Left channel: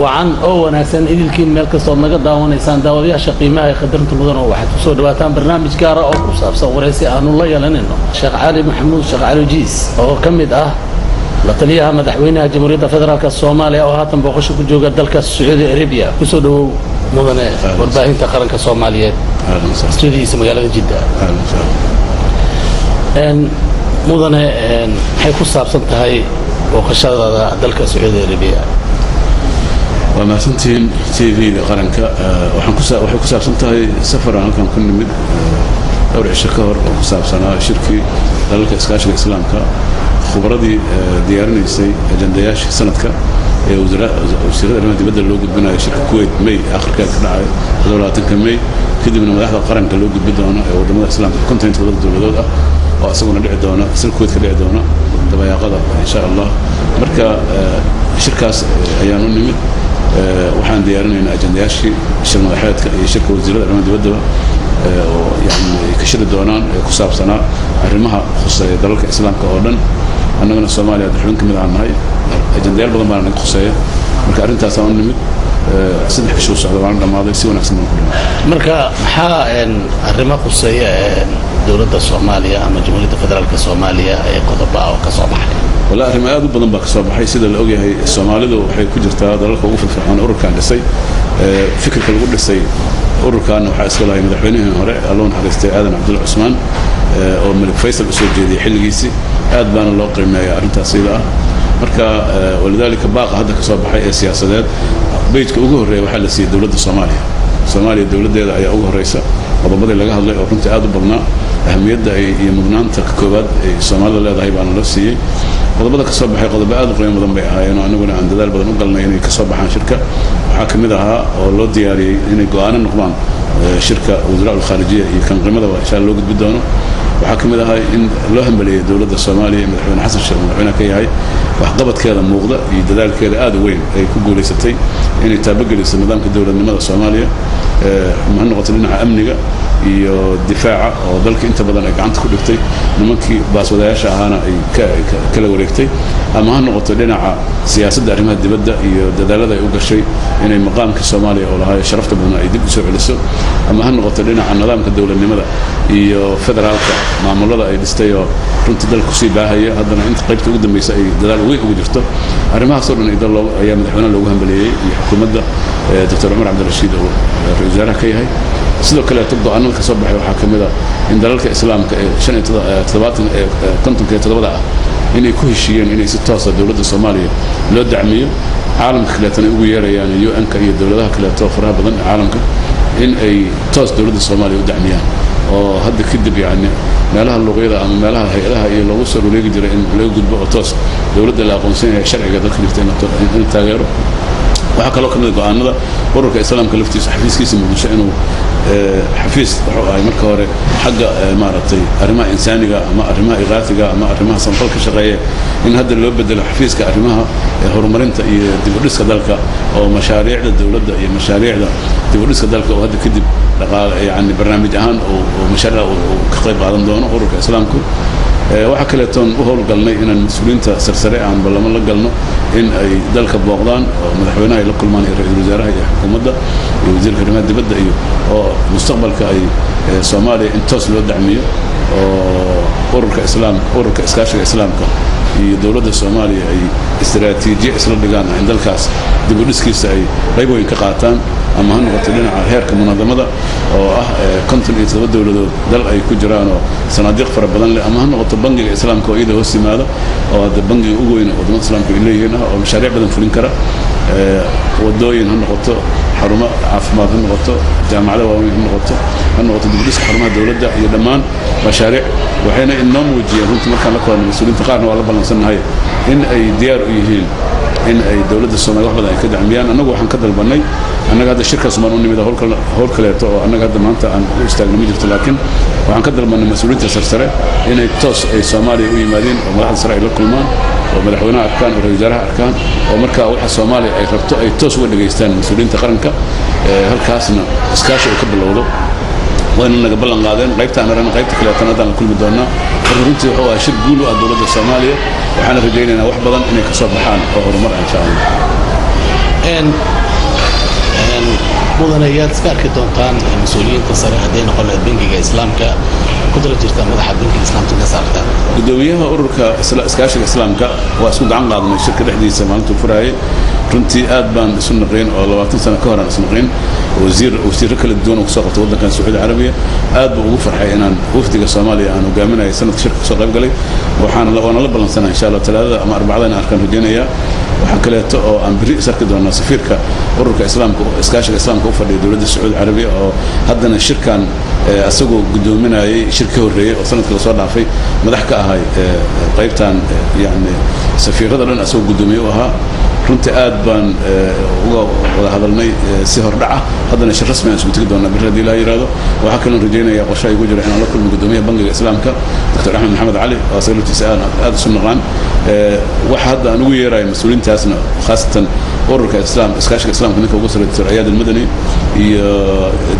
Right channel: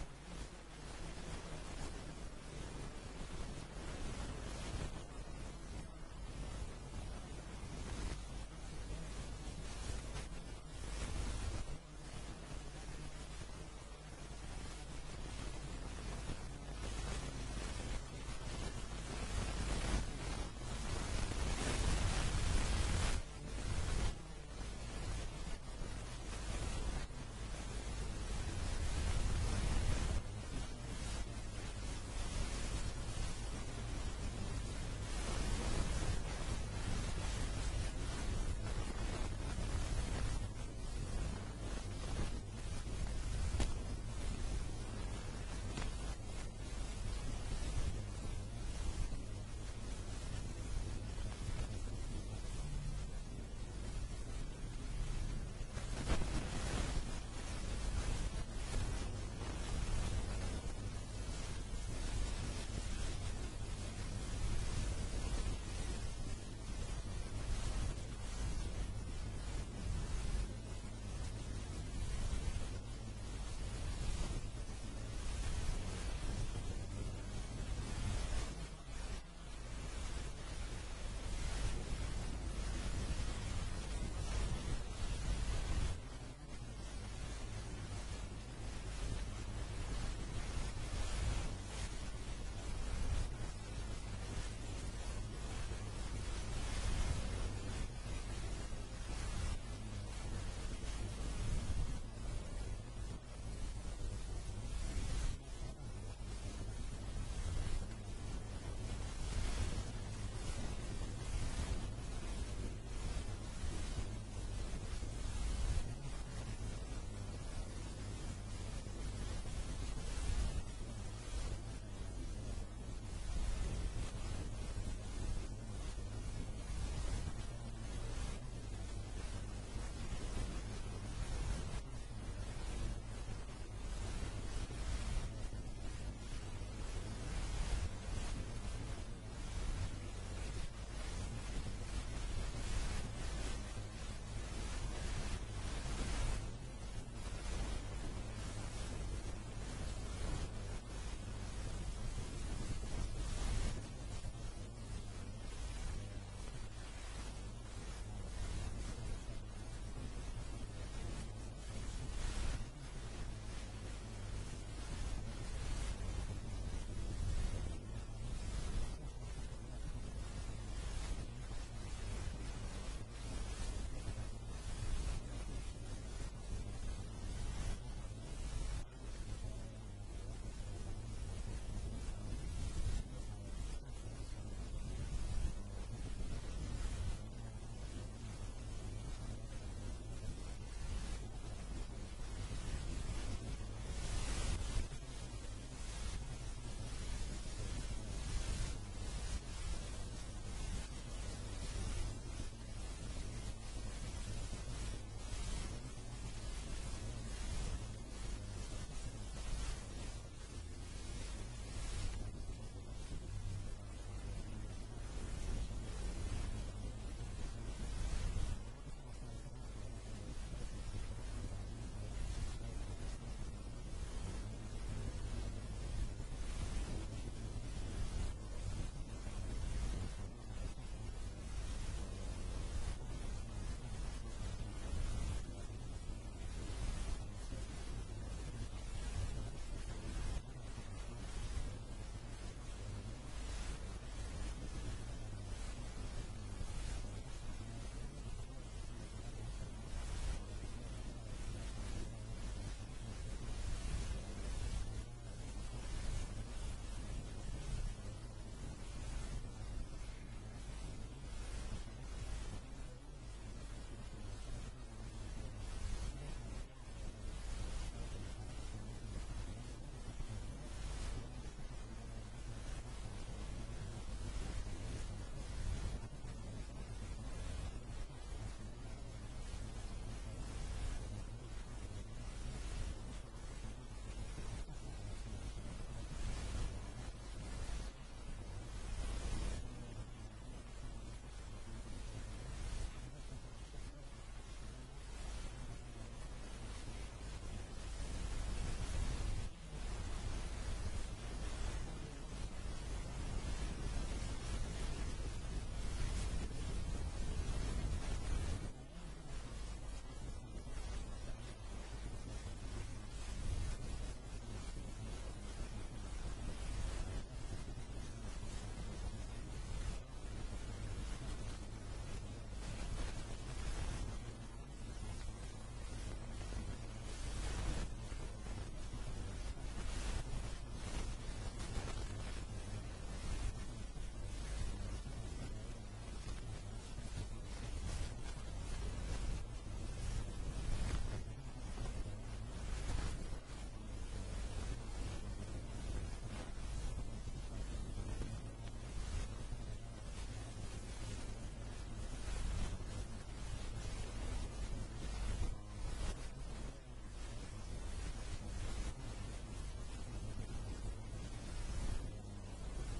وعن وناسان إذا الكين ملك صوت نقد وناسان داوديا شقيمة خدمة المدن واحد وصول دواتان برنامج كارا أو كوساب صوريسي أن الله يلننه الشيخ علي محمود الشيخ علي جيس أو كمد لطليها مدحوينها جمهورية فدرالك الصومالية أو هاتن بوقشو كجوغا دالك السعودية أريبيا كسودو مدن ورباهين تقرنك الصوماليات استوديو اسمه يالا جدا إن مدن حيكون صابسنت هاي وقشada dalka Sacuudi Arabiya وما سنتين تي في قرنك waxay ku saabsan tahay safar aan halkan ku nimid dhowr cisho ka hor oo ku saabsanaa shirki dalka iskaashiga islaamka khubradii diyaarinaysay ajandayaashii sanadka ee wasiirada arrimaha dibadda loo gudbinayo shirka Kuwait May aakhirka ka dhacay 22 May kadibna madaxda qaranka loo gudbin doono ee wadamada islaamka kontinentka dowladood ah oo asaguna dhici doona sir Kuwait ka dhici doona dabayaaqada insha Allah marka shirkaas ayaan u nimid waxaan diyaarinaynaa ajandayaashii shir madaxeedka iyo shirka wasiirada arrimaha dibadda oo yani ka shiri doonaan ku saabsanaa arrimaha khuseeya dalalka islaamka oo dhan annagana Soomaaliya xubin kamid ah nahay ajandayaal badan baan naga khuseeya marka arrintaas aan u nimid saddex cisho socdo waan dhamaaday si wanaagsan ku dhimay marka maxaa arrimaha khuseeya dawladda Soomaaliya ama jamhuuriyadda federaalka Soomaaliya ay qodobbaa oo ka soo baxay wala arrimaha aad u badan baa ka soo baxay sida la og yahay Soomaalidu waxay ku jirtaa dalalka ugu firfircoon ururkan dhisay fikirka lagu dhisay ururkan waxa iska lahayd madaxweynihii hore Alloon Xariistay Aadan Cabdulla Cusmaan oo Malik Faysal u soo jeediyay xilligiisii aad baana loo qiimeeyay arrintaas ila marka walidaalika baaqa hadda ka soo baxay ee siyaasadeed beedka ugu horeeyay waxa la siiyay dawladda Soomaaliya dawladeeda ayaa ugu horeysa qodobada laga hadlay oo runtii aad u badnaa ahamiyadda iyo mudnaanta ka koobaad ee Soomaalida leedahay baan la siiyay qodobada ka soo baxay qodobo aad u qiimo badan bay ahaayeen oo anaguna aan dadaal badan u galnay inay ka soo baxaan shirka waxa kamid ahaa oo loo diyaariyay inay go'aan noqdaan shirka wasaaradda kharijiya iyo kan qiimada insha Allah loo gudbi doono waxa kamid ahaa in loo hambaleeyo dawladda Soomaaliya madaxweyne Xasan Sheekh madaxweyne ka yahay wax qabadkeeda muuqda iyo dadaalkeeda aad u weyn ay ku guuleysatay inay taabageliso nidaamka dawladnimada Soomaaliya ma noqoto dhinaca amniga iyo difaaca oo dalka inta badan ay gacanta ku dhigtay nimankii baaswadayaasha ahaana ay kala wareegtay ama ha noqoto dhinaca siyaasadda arrimaha dibadda iyo dadaalada ay u gashay inay maqaamka Soomaaliya oo lahaay sharafta badan ay dib u soo celiso ama ha noqoto dhinaca nidaamka dawladnimada iyo federaalka maamulada ay dhistay oo runtii dalku sii baahaya haddana inta qaybta ugu dambeysay ay dadaal weyn ugu jirto arrimahaas oo dhan ayaa madaxweynaha loogu hambaleeyay iyo xukuumadda Dr. Umar Abdirashiid oo ra'iisul wasaaraha ka yahay sidoo kale go'aanada ka soo baxay waxa kamid ah in dalalka islaamka ee 57 ah inay ku heshiiyeen inay si toos ah dawladda Soomaaliya loo dacmiyo caalamka kale tan ugu yeerayaan UN-ka iyo dawladaha kale oo faraha badan caalamka in ay toos dawladda Soomaaliya u dacmiyaan oo hadda kadib yani meelaha luqyada ama meelaha hay'adaha iyo lagu soo wareegi jiray in laga gudbo oo toos dawladda la aqoonsan yahay sharciga dadka dhigtay in taageero waxa kale oo kamid go'aanada ururka islaamka laftiisa xafiiskiisa muqdisho inuu xafiis wuxuu ahay marka hore xagga maaragtay arrimaha insaaniga ama arrimaha iqaatiga ama arrimaha samfalka shaqeeya in hadda loo bedelo xafiiska arrimaha horumarinta iyo dib u dhiska dalka oo mashaariicda dawladda iyo mashaariicda dib u dhiska dalka oo hadda kadib dhaqaale yani barnaamij ahaan oo mashaariic ka qayb qaadan doono ururka islaamku waxa kale toon u howlgalnay inaan mas'uuliyiinta sarsare aan balamo la galno in ay dalka booqdaan oo madaxweynaha ay la kulmaan ra'iisul wasaaraha iyo xukuumadda iyo wasiirka arrimaha dibadda iyo oo mustaqbalka ay Soomaaliya in toos loo dacmiyo oo ururka iskaashiga islaamka iyo dawladda Soomaaliya ay istiraatiijiye isla dhigaan in dalkaas dib u dhiskiisa ay qayb weyn ka qaataan ama ha noqoto dhinaca heerka munadamada oo ah 57 dawladood dal ay ku jiraan oo sanaadiiq fara badan leh ama ha noqoto bangiga islaamka oo iyada hoos yimaada oo hadda bangiga ugu weyn wadamada islaamka ay leeyihiin oo mashaariic badan fulin kara wadooyin ha noqoto xarumo caafimaad ha noqoto jaamacado waaweyn ha noqoto dib u dhiska xarumaha dawladda iyo dhammaan mashaariic waxayna inoo muujiyeen runtii markaan la kulannay mas'uuliyiinta qaarna waa la ballansannahay in ay diyaar u yihiin in ay dawladda Soomaaliya wax badan ay ka dacmiyaan annagu waxaan ka dalbanay annaga hadda shirkaas ma u nimid howl kaleeto oo annaga hadda maanta aan u istaagno ma jirto laakiin waxaan ka dalbanay mas'uuliyiinta sarsare inay toos ay Soomaaliya u yimaadeen oo madaxda sare ay la kulmaan oo madaxweynaha arkaan oo ra'iisul wasaaraha arkaan oo marka waxa Soomaaliya ay rabto ay toos uga dhageystaan mas'uuliyiinta qaranka halkaasna iskaashi ay ka bilowdo وأنا نقبل قادين قيبت أنا رنا قيبت كلا تنادى كل مدونا فرنتي هو شد قولوا الدولة الصومالية وحنا رجينا وحبضا إنك صبحان أو مرة إن شاء الله mudanayaad iska arki doontaan mas-uuliyiinta sare hadday noqon lahayd bangiga islaamka ku dala jirta madaxa bangiga islaamka ka saarta gudoomiyaha ururka iskaashiga islaamka waa isku gacan qaadnay shirka dhexdiisa maalintuu furaayay runtii aad baan isu naqayn oo 20 sano ka hor aan isu naqayn wasiirro kala duwan oo kusoo qabtay waddankan Sacuudi Carabiya aad buu ugu farxay inaan wafdiga Soomaaliya aan hogaaminayo sanadka shirka soo qayb galay waana la ballansanahay insha Allah talaadada ama arbacada aan arkaan rajaynaya waxa kaleeto oo aan biri isarki doonaa safiirka ururka islaamka iskaashiga islaamka u fadhiya dawladda Sacuudi Carabiya oo haddana shirkan asagoo gudoominayay shirka horeeyay oo sanadka la soo dhaafay madax ka ahay qaybtan yani safiirada dhan asagoo gudoomiye u ahaa runtii aad baan uga wada hadalnay si hordhaca haddana shir rasmi aan isku tagi doonaa bir haddii la yiraahdo waxa kale aan rajaynayaa qorshe ay ku jira inaan la kulmo gudoomiyaha bangiga islaamka Dr. Axmed Maxamed Cali oo sayidtiisa aad isu naqaan waxa hadda aan ugu yeerayo mas'uuliyiintaasna khaasatan ururka iskaashiga islaamka ninka ugu sareeya Dr. Ayaad al-Madani iyo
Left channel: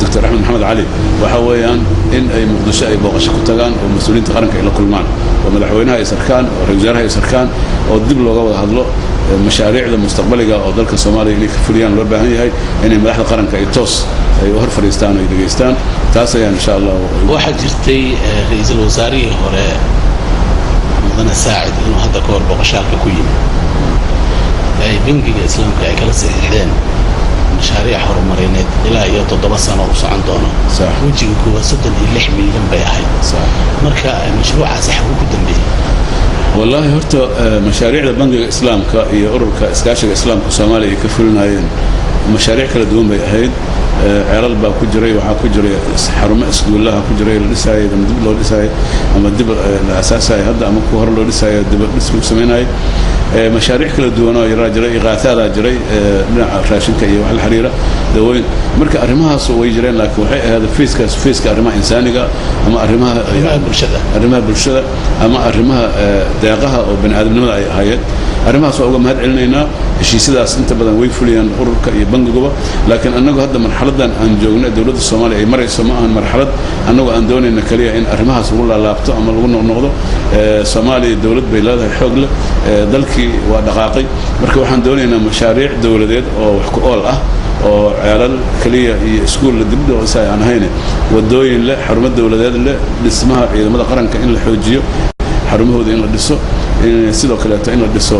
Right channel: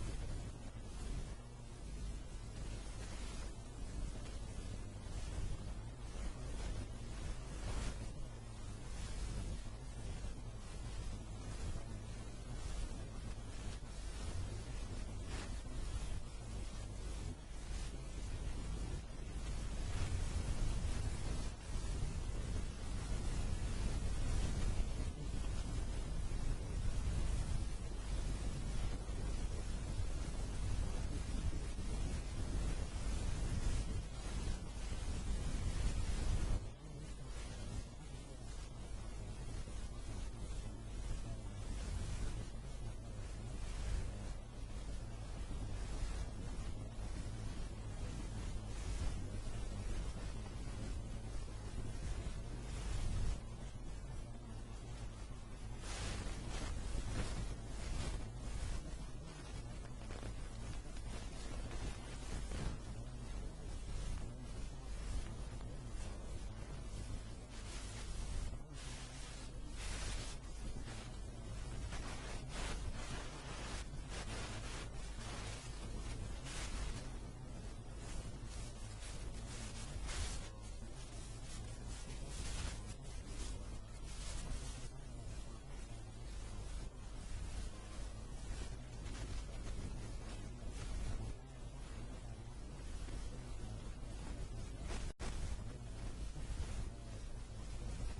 Dr. Axmed Maxamed Cali waxa weeyaan in ay Muqdisho ay booqasho ku tagaan oo mas'uuliyiinta qaranka ay la kulmaan oo madaxweynaha ay sarkaan oo ra'iisul wasaaraha ay sarkaan oo dib looga wada hadlo mashaariicda mustaqbaliga oo dalka Soomaaliya inay ka fuliyaan loo baahan yahay inay madaxda qaranka ay toos ay u hor fariistaan oo ay dhageystaan taas ayaan insha Allah waxa jirtay ra'iisul wasaarihii hore mudane Saacid inuu hadda ka hor booqashaalka ku yimid ay bangiga islaamka ay kala saxiixdeen mashaariic horumarineed ilaa iyo 7 sano oo socon doono wajiga kuwa 36 milyan bay ahayd marka mashruucaas waxa ku dambeeyay والله هرتا مشاريع البنك الإسلام كأورك إسكاشة الإسلام كصومالي كفلناين مشاريع كلا دوم بيهيد عرال با كجري وحا كجري حرم اسكول الله كجري لساي لما دب لو لساي اما دب الاساس هاي هدا اما كهر لو لساي دب اسكول سميناي مشاريع كلا دونا يرا جري اغاثادا جري dhinaca raashinka iyo wax la xiriira daweyn marka arimahaas way jireen laakiin waxay ahayd fiiska arimaha insaaniga ama arimaha bulshada ama arimaha deeqaha oo bani'aadamnimada ay ahaayeen arimahaas waa uga mahad celinaynaa heshiisyadaas inta badan way fuliyaan ururka iyo bangiga laakiin anagu hadda marxaladan aan joogno dawladda Soomaaliya ay marayso ma ahan marxalad anagu aan doonayna kaliya in arimahaas lagu laabto ama lagu noqdo Soomaaliya dawlad bay leedahay xoog leh dalkii waa dhaqaaqay marka waxaan doonaynaa mashaariic dawladeed oo wax ku ool ah oo ceelal kaliya iyo iskuul la dibdo aan hayne wadooyin leh xarumo dawladeed leh dhismaha ciidamada qaranka in la xoojiyo xarumahooda in la dhiso sidoo kale in la dhiso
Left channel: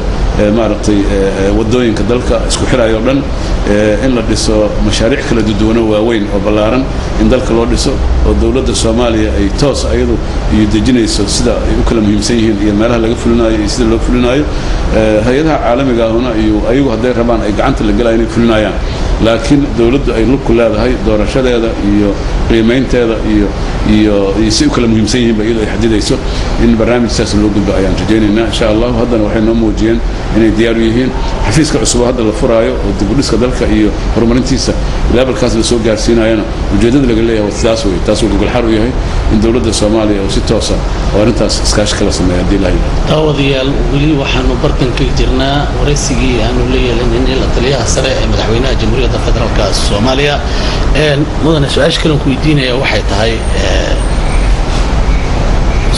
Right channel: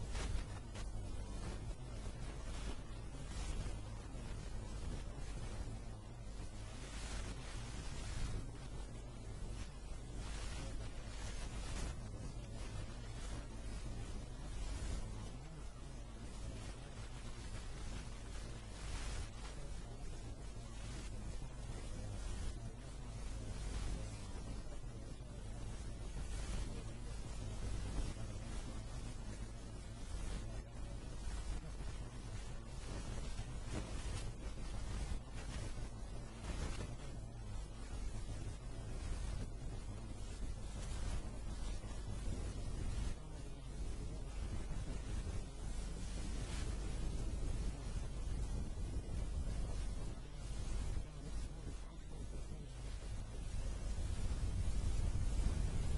maaragtay wadooyinka dalka isku xirayo dhan in la dhiso mashaariic kala duwan oo waaweyn oo ballaaran in dalka loo dhiso oo dawladda Soomaaliya ay toos ayadu iyo dejinayso sida ay u kala muhiimsan yihiin iyo meelaha laga fulinayo iyo sida loo fulinayo hay'adaha caalamiga ahna iyo ayagu haday rabaan ay gacanta la galayaan inay fulinayaan laakiin dawladdu ay lug ku leedahay doorashadeeda iyo qiimeynteeda iyo si u kala muhiimsan yihiin bay ay xadidayso in barnaamijkaas loo gudbo ayaan rajaynaynaa insha Allah haddana waxay noo muujiyeen inay diyaar u yihiin xafiiska cusub hadda la furaayo oo dib u dhiska dalka iyo horumarintiisa levelkaas la soo gaarsiinayana ujeedada laga leeyahay sidaas way taas oo gogol xar u yahay in dawladda Soomaaliya oo si toos ah oo arintaas iskaashi kala sameeyo hadii la yiraahdo taawadiyaal wali waxaanu bartan ka jirnaa waraysigii aanu leeyahay in la taliyaha sare ee madaxweynaha jamhuuriyadda federaalka Soomaaliya mudane su'aasha kale ku weydiinaya waxay tahay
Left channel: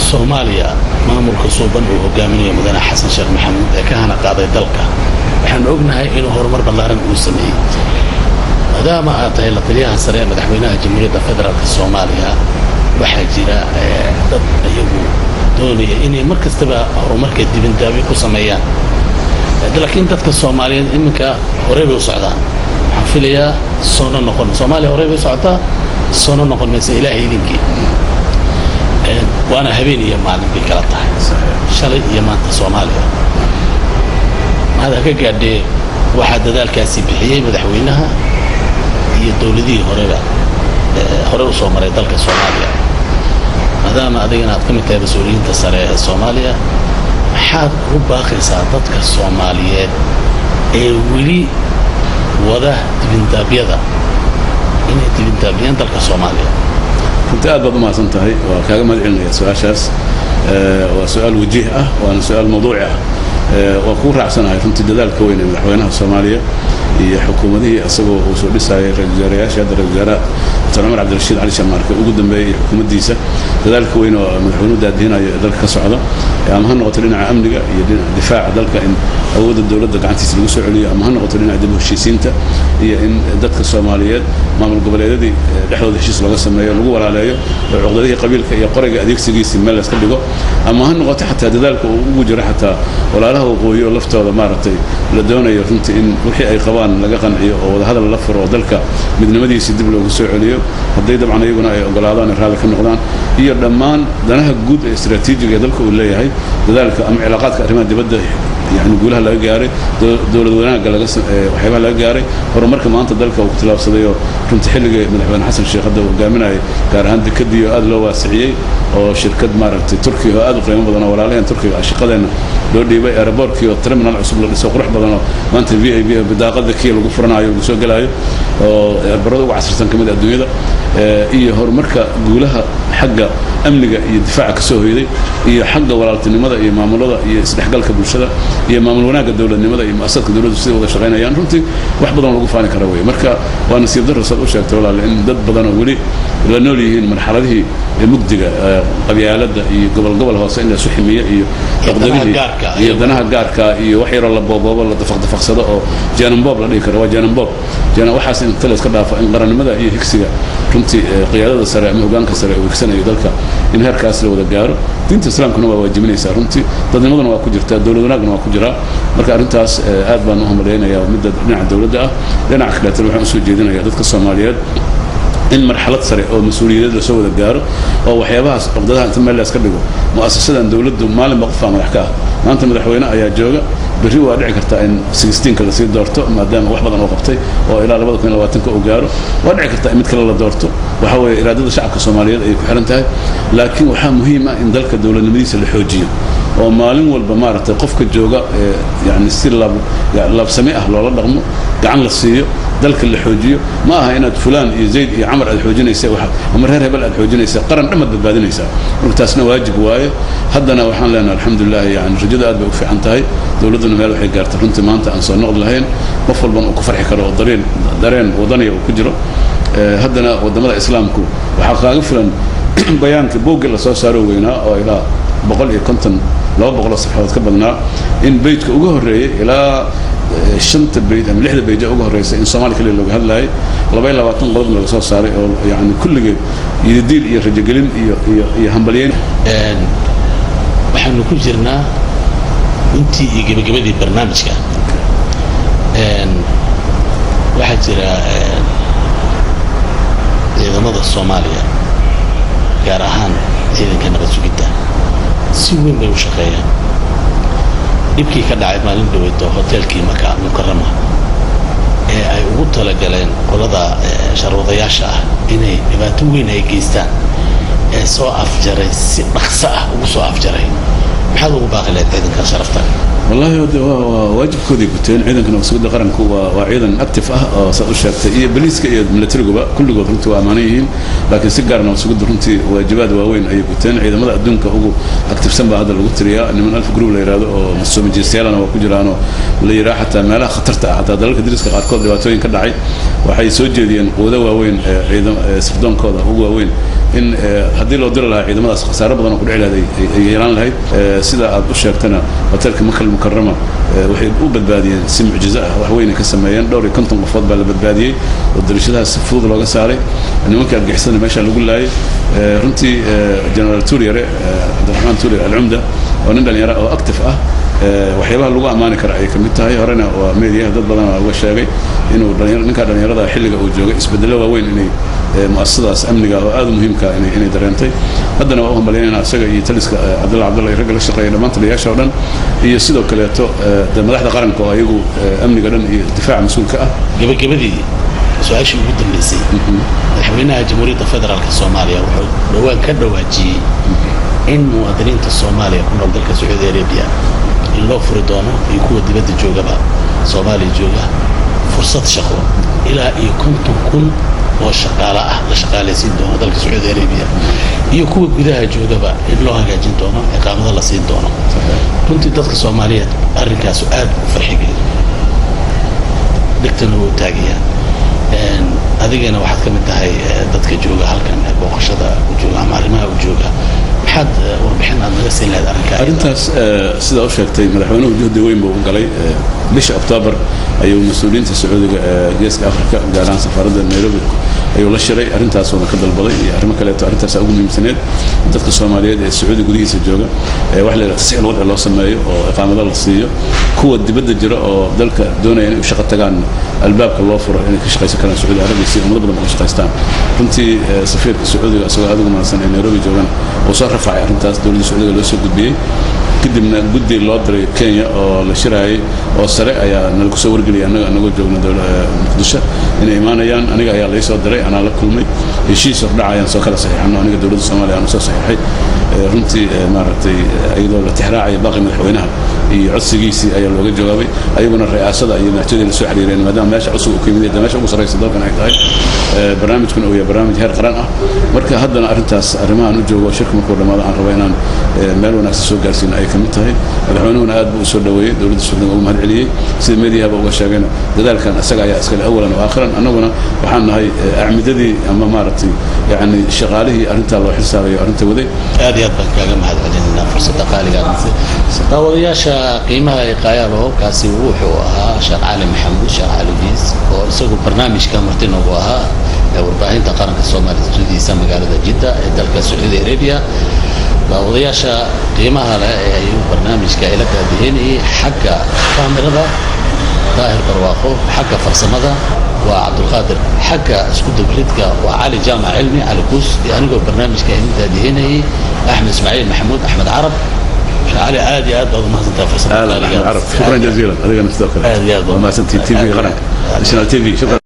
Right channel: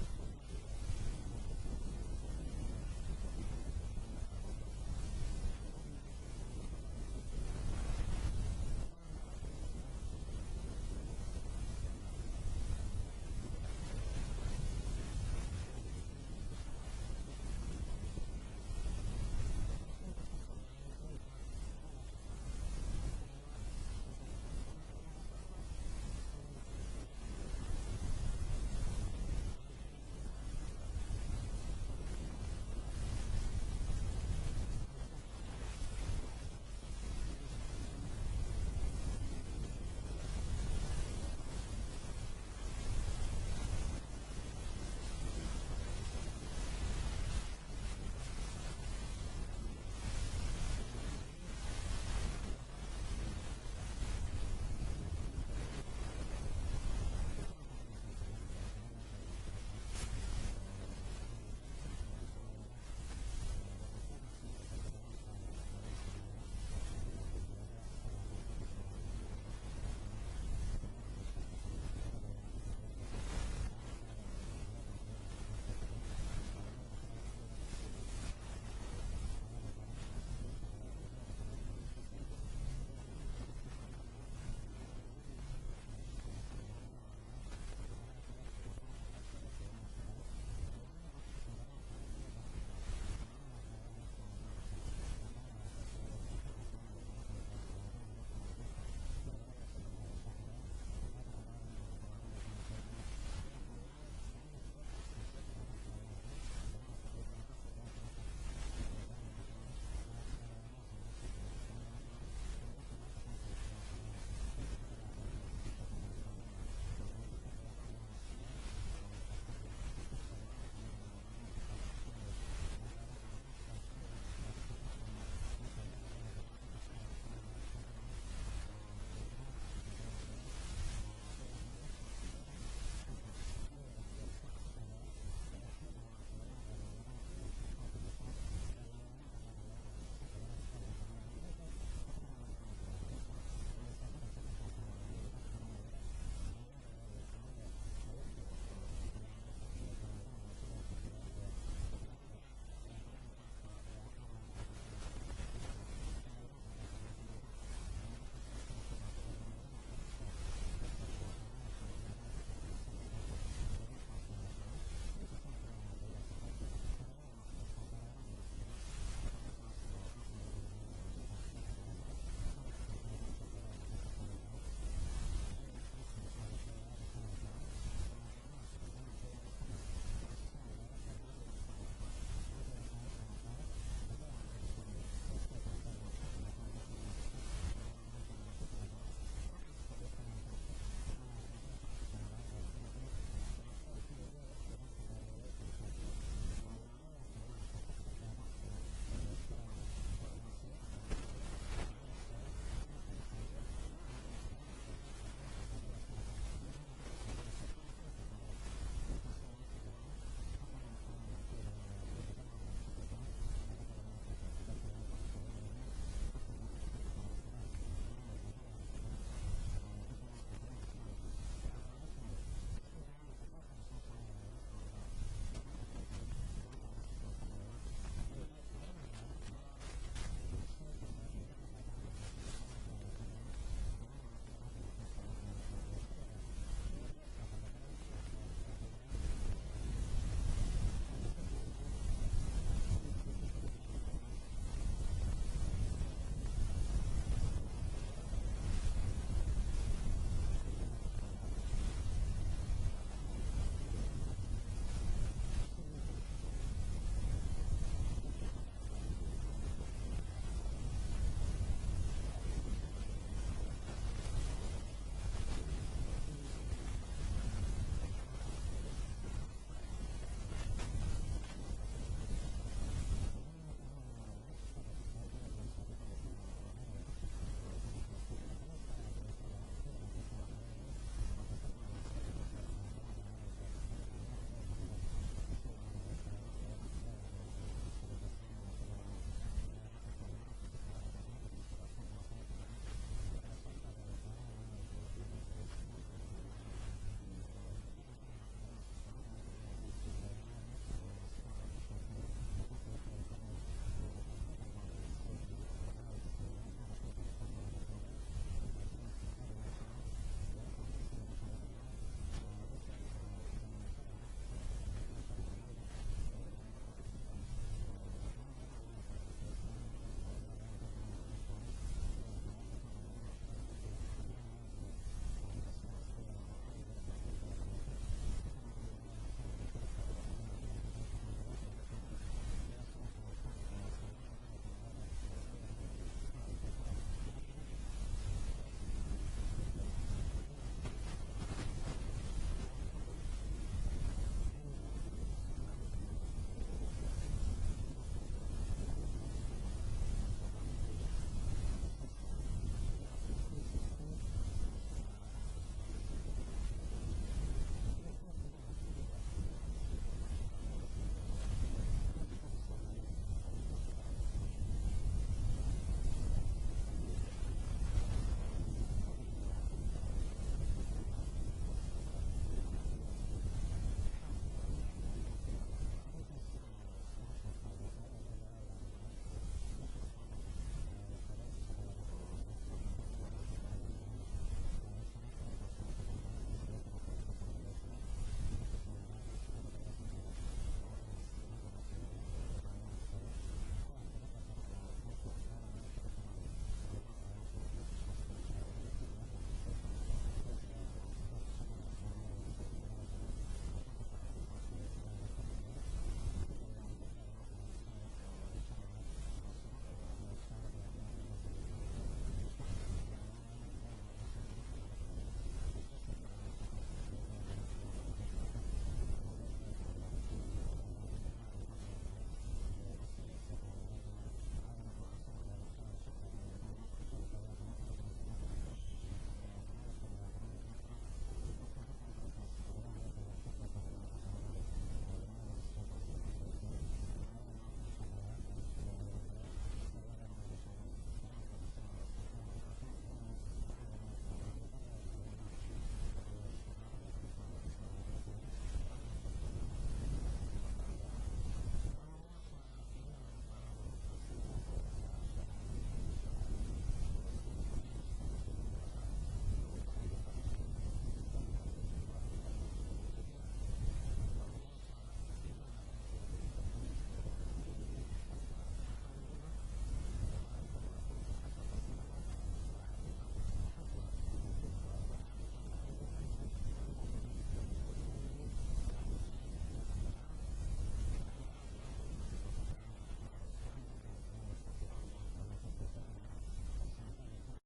Soomaaliya maamulka suuban oo hogaaminaya mudane Xasan Sheekh Maxamuud ee ka hana qaaday dalka waxaan ognahay inuu horumar ballaaran uu sameeyay maadaama aad tahay la taliyaha sare ee madaxweynaha jamhuuriyadda federaalka Soomaaliya waxaa jira dad ayagu doonaya inay markastaba horumarka dibindaabi ku sameeyaan laakiin dadka Soomaaliyeed iminka hore bay u socdaan waxaan filayaa soo noqon Soomaaliya hore bay socotaa soo noqon maysa ilaahay idinkii وانا هبين يا معلم بكلاتها شلي يا مانت Soomaaliya هذا كقعد واحد ذلك سيبحيه مدحوينها هي دولدي هوري وصومالي dalka Soomaaliya maadaama adigana aad kamid tahay mas'uuliyiinta sare ee Soomaaliya maxaad u baaqaysaa dadka Soomaaliyeed ee wili wada dibindaabyada inay dibindaabiyaan dalka Soomaaliya كنت أبغى ما صنتهاي وكذا ما علنا سؤال وسؤال وجيه وأنا سؤال موضوعي وكون رأسنا كنت جدال كوين من حوينها الصومالية iyo xukuumadihii asagoo uu soo dhisayay ra'iisul wasaarayaasha hadda ra'iisul wasaaraha Dr. Cumar Cabdirashiid Cali Shamarke ugu dambeeyay xukuumaddiisa dadaalka weyn oo madaxweynuhu daadinayo dalka ka socda ama ha noqoto dhinaca amniga iyo dhinaca difaaca dalka in awoodda dawladda gacantiisa lagu soo celiyo ama ha noqoto dhinaca dib u heshiisiinta iyo in dadka Soomaaliyeed maamul goboleedyadii dhexdooda heshiis laga sameeyo lagu walaaleeyo cuqdadihii qabiilka iyo qoriga adeegsigiisa meel la iska dhigo ama ha noqoto xataa dadaalka uu ugu jiro xataa walaalaha waqooyi oo laftooda maaragtay la doonayo runtii in wixii ay qabaan laga qanciyo oo wada hadal la furo oo dalka midnimadiisa dib loogu soo celiyo hadday dabcan iyaguna ay ogolaadaan raalli ka noqdaan iyo dhammaan danaha guud ee istiraatiijiga ee dalka uu leeyahay dadaalka ama cilaaqaadka arrimaha dibadda يعني نقولها لا جاري دولة وناقة لا وحيبها لا جاري هرمرك ما أنت ذلك وقتلا بصديه كنت حلقة من الحين حسن الشيخ هذا وقامنا كان عندك كدي هذا لو واسعية أو شركة مارت تركيا هذا قيمة بدنا ولا علينا تركيا الشقة لنا لو دي بقى أربوركي وترمنا العصب للسوق رح بدنا ما أنت في بداقة ذكية وقفرنا أيوة وسوق جلايو برضو وعشر سنة كمان الدنيا ده إيه هرمرك قولها حاجة أمنية يدفعك سوي دي هي حاجة ولا تنمذا هي معاملة هي استحقاق بالشدة هي معامل وناق الدولة النمذا هي مؤسسات الدولة السياسية وده شغالين يعني رنتي واحد بدنا نوقف عن كروية مركا وأنا سير درس الأشياء تقول لأن ضد بدنا نقولي لأنه لي هي مرحلة هي مقدقة قبيلة قبل هو سئلنا سحمية هي هي دناها جاركا هي وحير الله بابا ولا دفق صدق أو جانب باب لديك روا جانب باب جانا وحاسين ثلاث كذا فإن قرن النمذا هي هكسية رنتي قيادة السريع مهجان كسريع وكسنة يدلك إن هركاس لو دجارو دينت الإسلام كانوا واجبين يسارونتي ضد النظام واكجرت الدولة وناقنا واكجرا مركا أرنتاس آد بانهم لينا يا مدة نع الدولة ده لنا عقلات الوحنا سجدنا يا ضد الصوماليات إن مرحلة سريع أو مسؤولية لسوء الجار أو وحيابها قبضها ثم اللي أسكبه مؤسسة دولة مال مقفى مرحكا ما أنت مدحوينا يا جوجا بريوا دعي كرتا إن 16 كلا سيد دورته ما دام واحد بدنا وقفتي وإلى ربض كنا لواتنك أوجاره ودعي كرتا إمت كلا دورته وحاول إرادة الشعب الصومالي أي كحرنتها لكن وحام مهمة إن ذلك الدولة المديسة الحوجية ومالين والبمارة قفك الجوجا يعني السير لاب سميئة لولا رغمه قعن للصيو ذلك الحوجية ما هنا فلان يزيد يعمر الحوجين يسوي واحد ومرهر هبل الحوجين يسوي قرن عمد بالبادين يسوي ورتاسنا واجب واي هدنا وحنا لنا الحمد لله يعني رجال أدب وفي عنتهاي دولتنا ماله حي قارت رنت ما أنت أنصار نقد لهين مفضل بن وكفر حكروا دارين وضني وكجرو هدنا ودمر إسلامكم وحقا فلان بيان كبوق اللي صاروا وينا أو إلى بقول كنتن لو بقول الصحة كبرنا إن بيتك وجهر إلى شنت بيت من لحد بيت وجهر رئيس إن صومالي كل اللي هلا ولا بين لواتن قرض من الأساس صار يعني كل جيل يدير يرجعلين يهمبلين وحنا كجرنا أنتي يجيب برنامج كان واحد جرا إذا مضى الصومالية كارهان إذا كان بس جدا سوين بيوشقيا يبكي كذا عيب مالين دويتو هوتيل كي مكان مكرمة أي وقت لجلين قلدا شروطياشة إني يباتوين هي جيستان سو أفجري سبخسة وسو أفجري بحال وباقي لك إذا كان شرفتك والله واجب كودي قلتين عيدا كنا مسؤول قرن كوا وعيدا أكتف صدق شرط إيه بليس كي ملتري جوا كل جوا رنتوا أمانيين لكن سجارنا مسؤول رنتي واجبات وين أي قلتين عيدا ماذا أدون كهو أكتف سنبا هذا اللي قلت ريا إن من 1000 جروب اللي يرادو مسؤول من جنسيال أنا وكجرانو اللي يراح حتى ما لا خطرت حتى ذلك درس كأركض دواتوين كدعي وحي سوجدين وده وين عيدا سفدون كذا هو وين إن هذه لو در لها عيدا ماذا خسارة بدنا نقول على هذه يران لهاي سيدا أبو شرطنا وترك مكان مكرمة وحيد وبدبادية سمع جزاء وحوين كسمايان دوري كنتم مفضل بالبدبادية والدرجة السفوض لو قصاري إنه ممكن أرجع حسنا ماشى نقول له رنتي جنرال تورير عبد الرحمن تورير العمدة ونندل يرى أكتف وحيبها اللغة أمانة كرأي كمتها هي هرنا وميديا ضد بدنا أول شيء إنه نكاد يرى حلقة وجوجة اسبدلوا وين إني مؤسسة أمنية وهذا مهم كأني درنتي هذا نوعهم بلينا سجى يتلس عبد الله يرجع الشقة لما أنت ليش أولاً يصيدوا كلياته ده ملاحظة قرن كوا يجوا أمني قرن دفاع مسؤول كأ قبل دي سؤال شو بدهم نسي حوينا جمهورية الفدرال الصومالية وحول كده واجي إن مواطنين الصومالية كنا ضد السعودية العربية اللي فرضونا يكون دبت الجوجا بقى صومالي جوجا فرصة شقوة إلى يكون تكون وشقالة لشقالة سين دونا ذلك السعودية العربية يكون بداية جوجا بقى اللي هو جاين دونا إقامة الله سين دونا كنت ضد الصومالية أرجع سؤال فرحي dhigtana wuu taagayaan adigana waxaad ka mid tahay dadka jooga halkan booqashada u jooga ama arrimaha u jooga maxaad warbixin aad naga siin lahayd arrintaas sidaa u sheegtay madaxweynuhu juhdi weyn buu u galay bisha Oktoobar ayuu mas'uuliyiinta Sacuudiga geeska Afrika gaar ahaan safaaradda Nairobi ayuu la shiray arrintaas oo ka dalbaday iyo arrimo kale oo arrintaas ugu muhiimsaneed dadka Soomaaliyeed ee Sacuudiga gudihiisa jooga wax la yiraahdo tasxiil wadci loo sameeyo oo iqaamada la siiyo kuwa dibadda jira oo dalka doonaya inay shaqo tagaan albaabka loo furo inay ka shaqeysan karaan Sacuudi Arabiya si ummadda badan ka shaqeystaan runtii safiirka Sacuudiga asagoo aad ugu mahadsan ee Nairobi joogan oo soo rafacay arrintaas dowladda Sacuudiga loo soo gudbiyay kadibna guddi loo diray Kenya oo la shiraayay oo sare ayaa nalagu soo wargeliyay anagoo joogna dowladda Muqdisho inay imaanayaan aniga ayaa la soo diray ana la kulmay heshiis dhacayaan soo kala saxiixano aniga dowladda Soomaaliya aan soo saxiixay runtii maaragtay ayadoo la tixraacay baaqi madaxweynaha iyo codsigiisii ayaa looga jawaabay ayaguna ra'iisada iyo madaxtooyada la soo xiriireen maadaama meesha cusub uu ka yimid meesha ugu sareysa dalkan ay tahay barnaamijkan oo yahay barnaamij heer qaran ah marka haddana arrintaas arrimahan u joogo shirka markuu dhamaado aan rabo inaan meel wanaagsan soo gaarsiino ay ka mid tahay madaxweynuhuna aad buu u soo dhaweeyay dowladda Sacuudiga ugu mahad celiyay sida meediyaha uga sheegayna dadaalkan asaga ayaa iska awalan oo aakhiran annaguna waxaan nahay acmidadii ama maaragtay yani shaqaalihii arrinta loo xisaabayo arrinta waday aad iyo aad baan kaaga mahad celinaa fursadda qaaliga daawadayaasha qiimaha ay qaayaan oo kaasi wuxuu ahaa Sheekh Cali Maxamuud Sheekh Cali Jiis oo isagu barnaamijka martin ugu ahaa warbaahinta qaranka Soomaaliya studiisa magaalada Jidda ee dalka Sacuudi Arabia daawadayaasha qiimaha leh ee barnaamijka ila gaadheenay xagga kaamirada daahir barwaaqo xagga farsamada waa Cabdulqaadir xagga isku dubridka waa Cali Jaamac Cilmi Cali Kuus anigoo barnaamijka ila gaadheenay Axmed Ismaaciil Maxamuud Axmed Carab علي عادي عاد بعض ما سنتها فرصة شكرا جزيلا هذا نفسه كله ما سنتي تي في غرق ناشونال تي في شكرا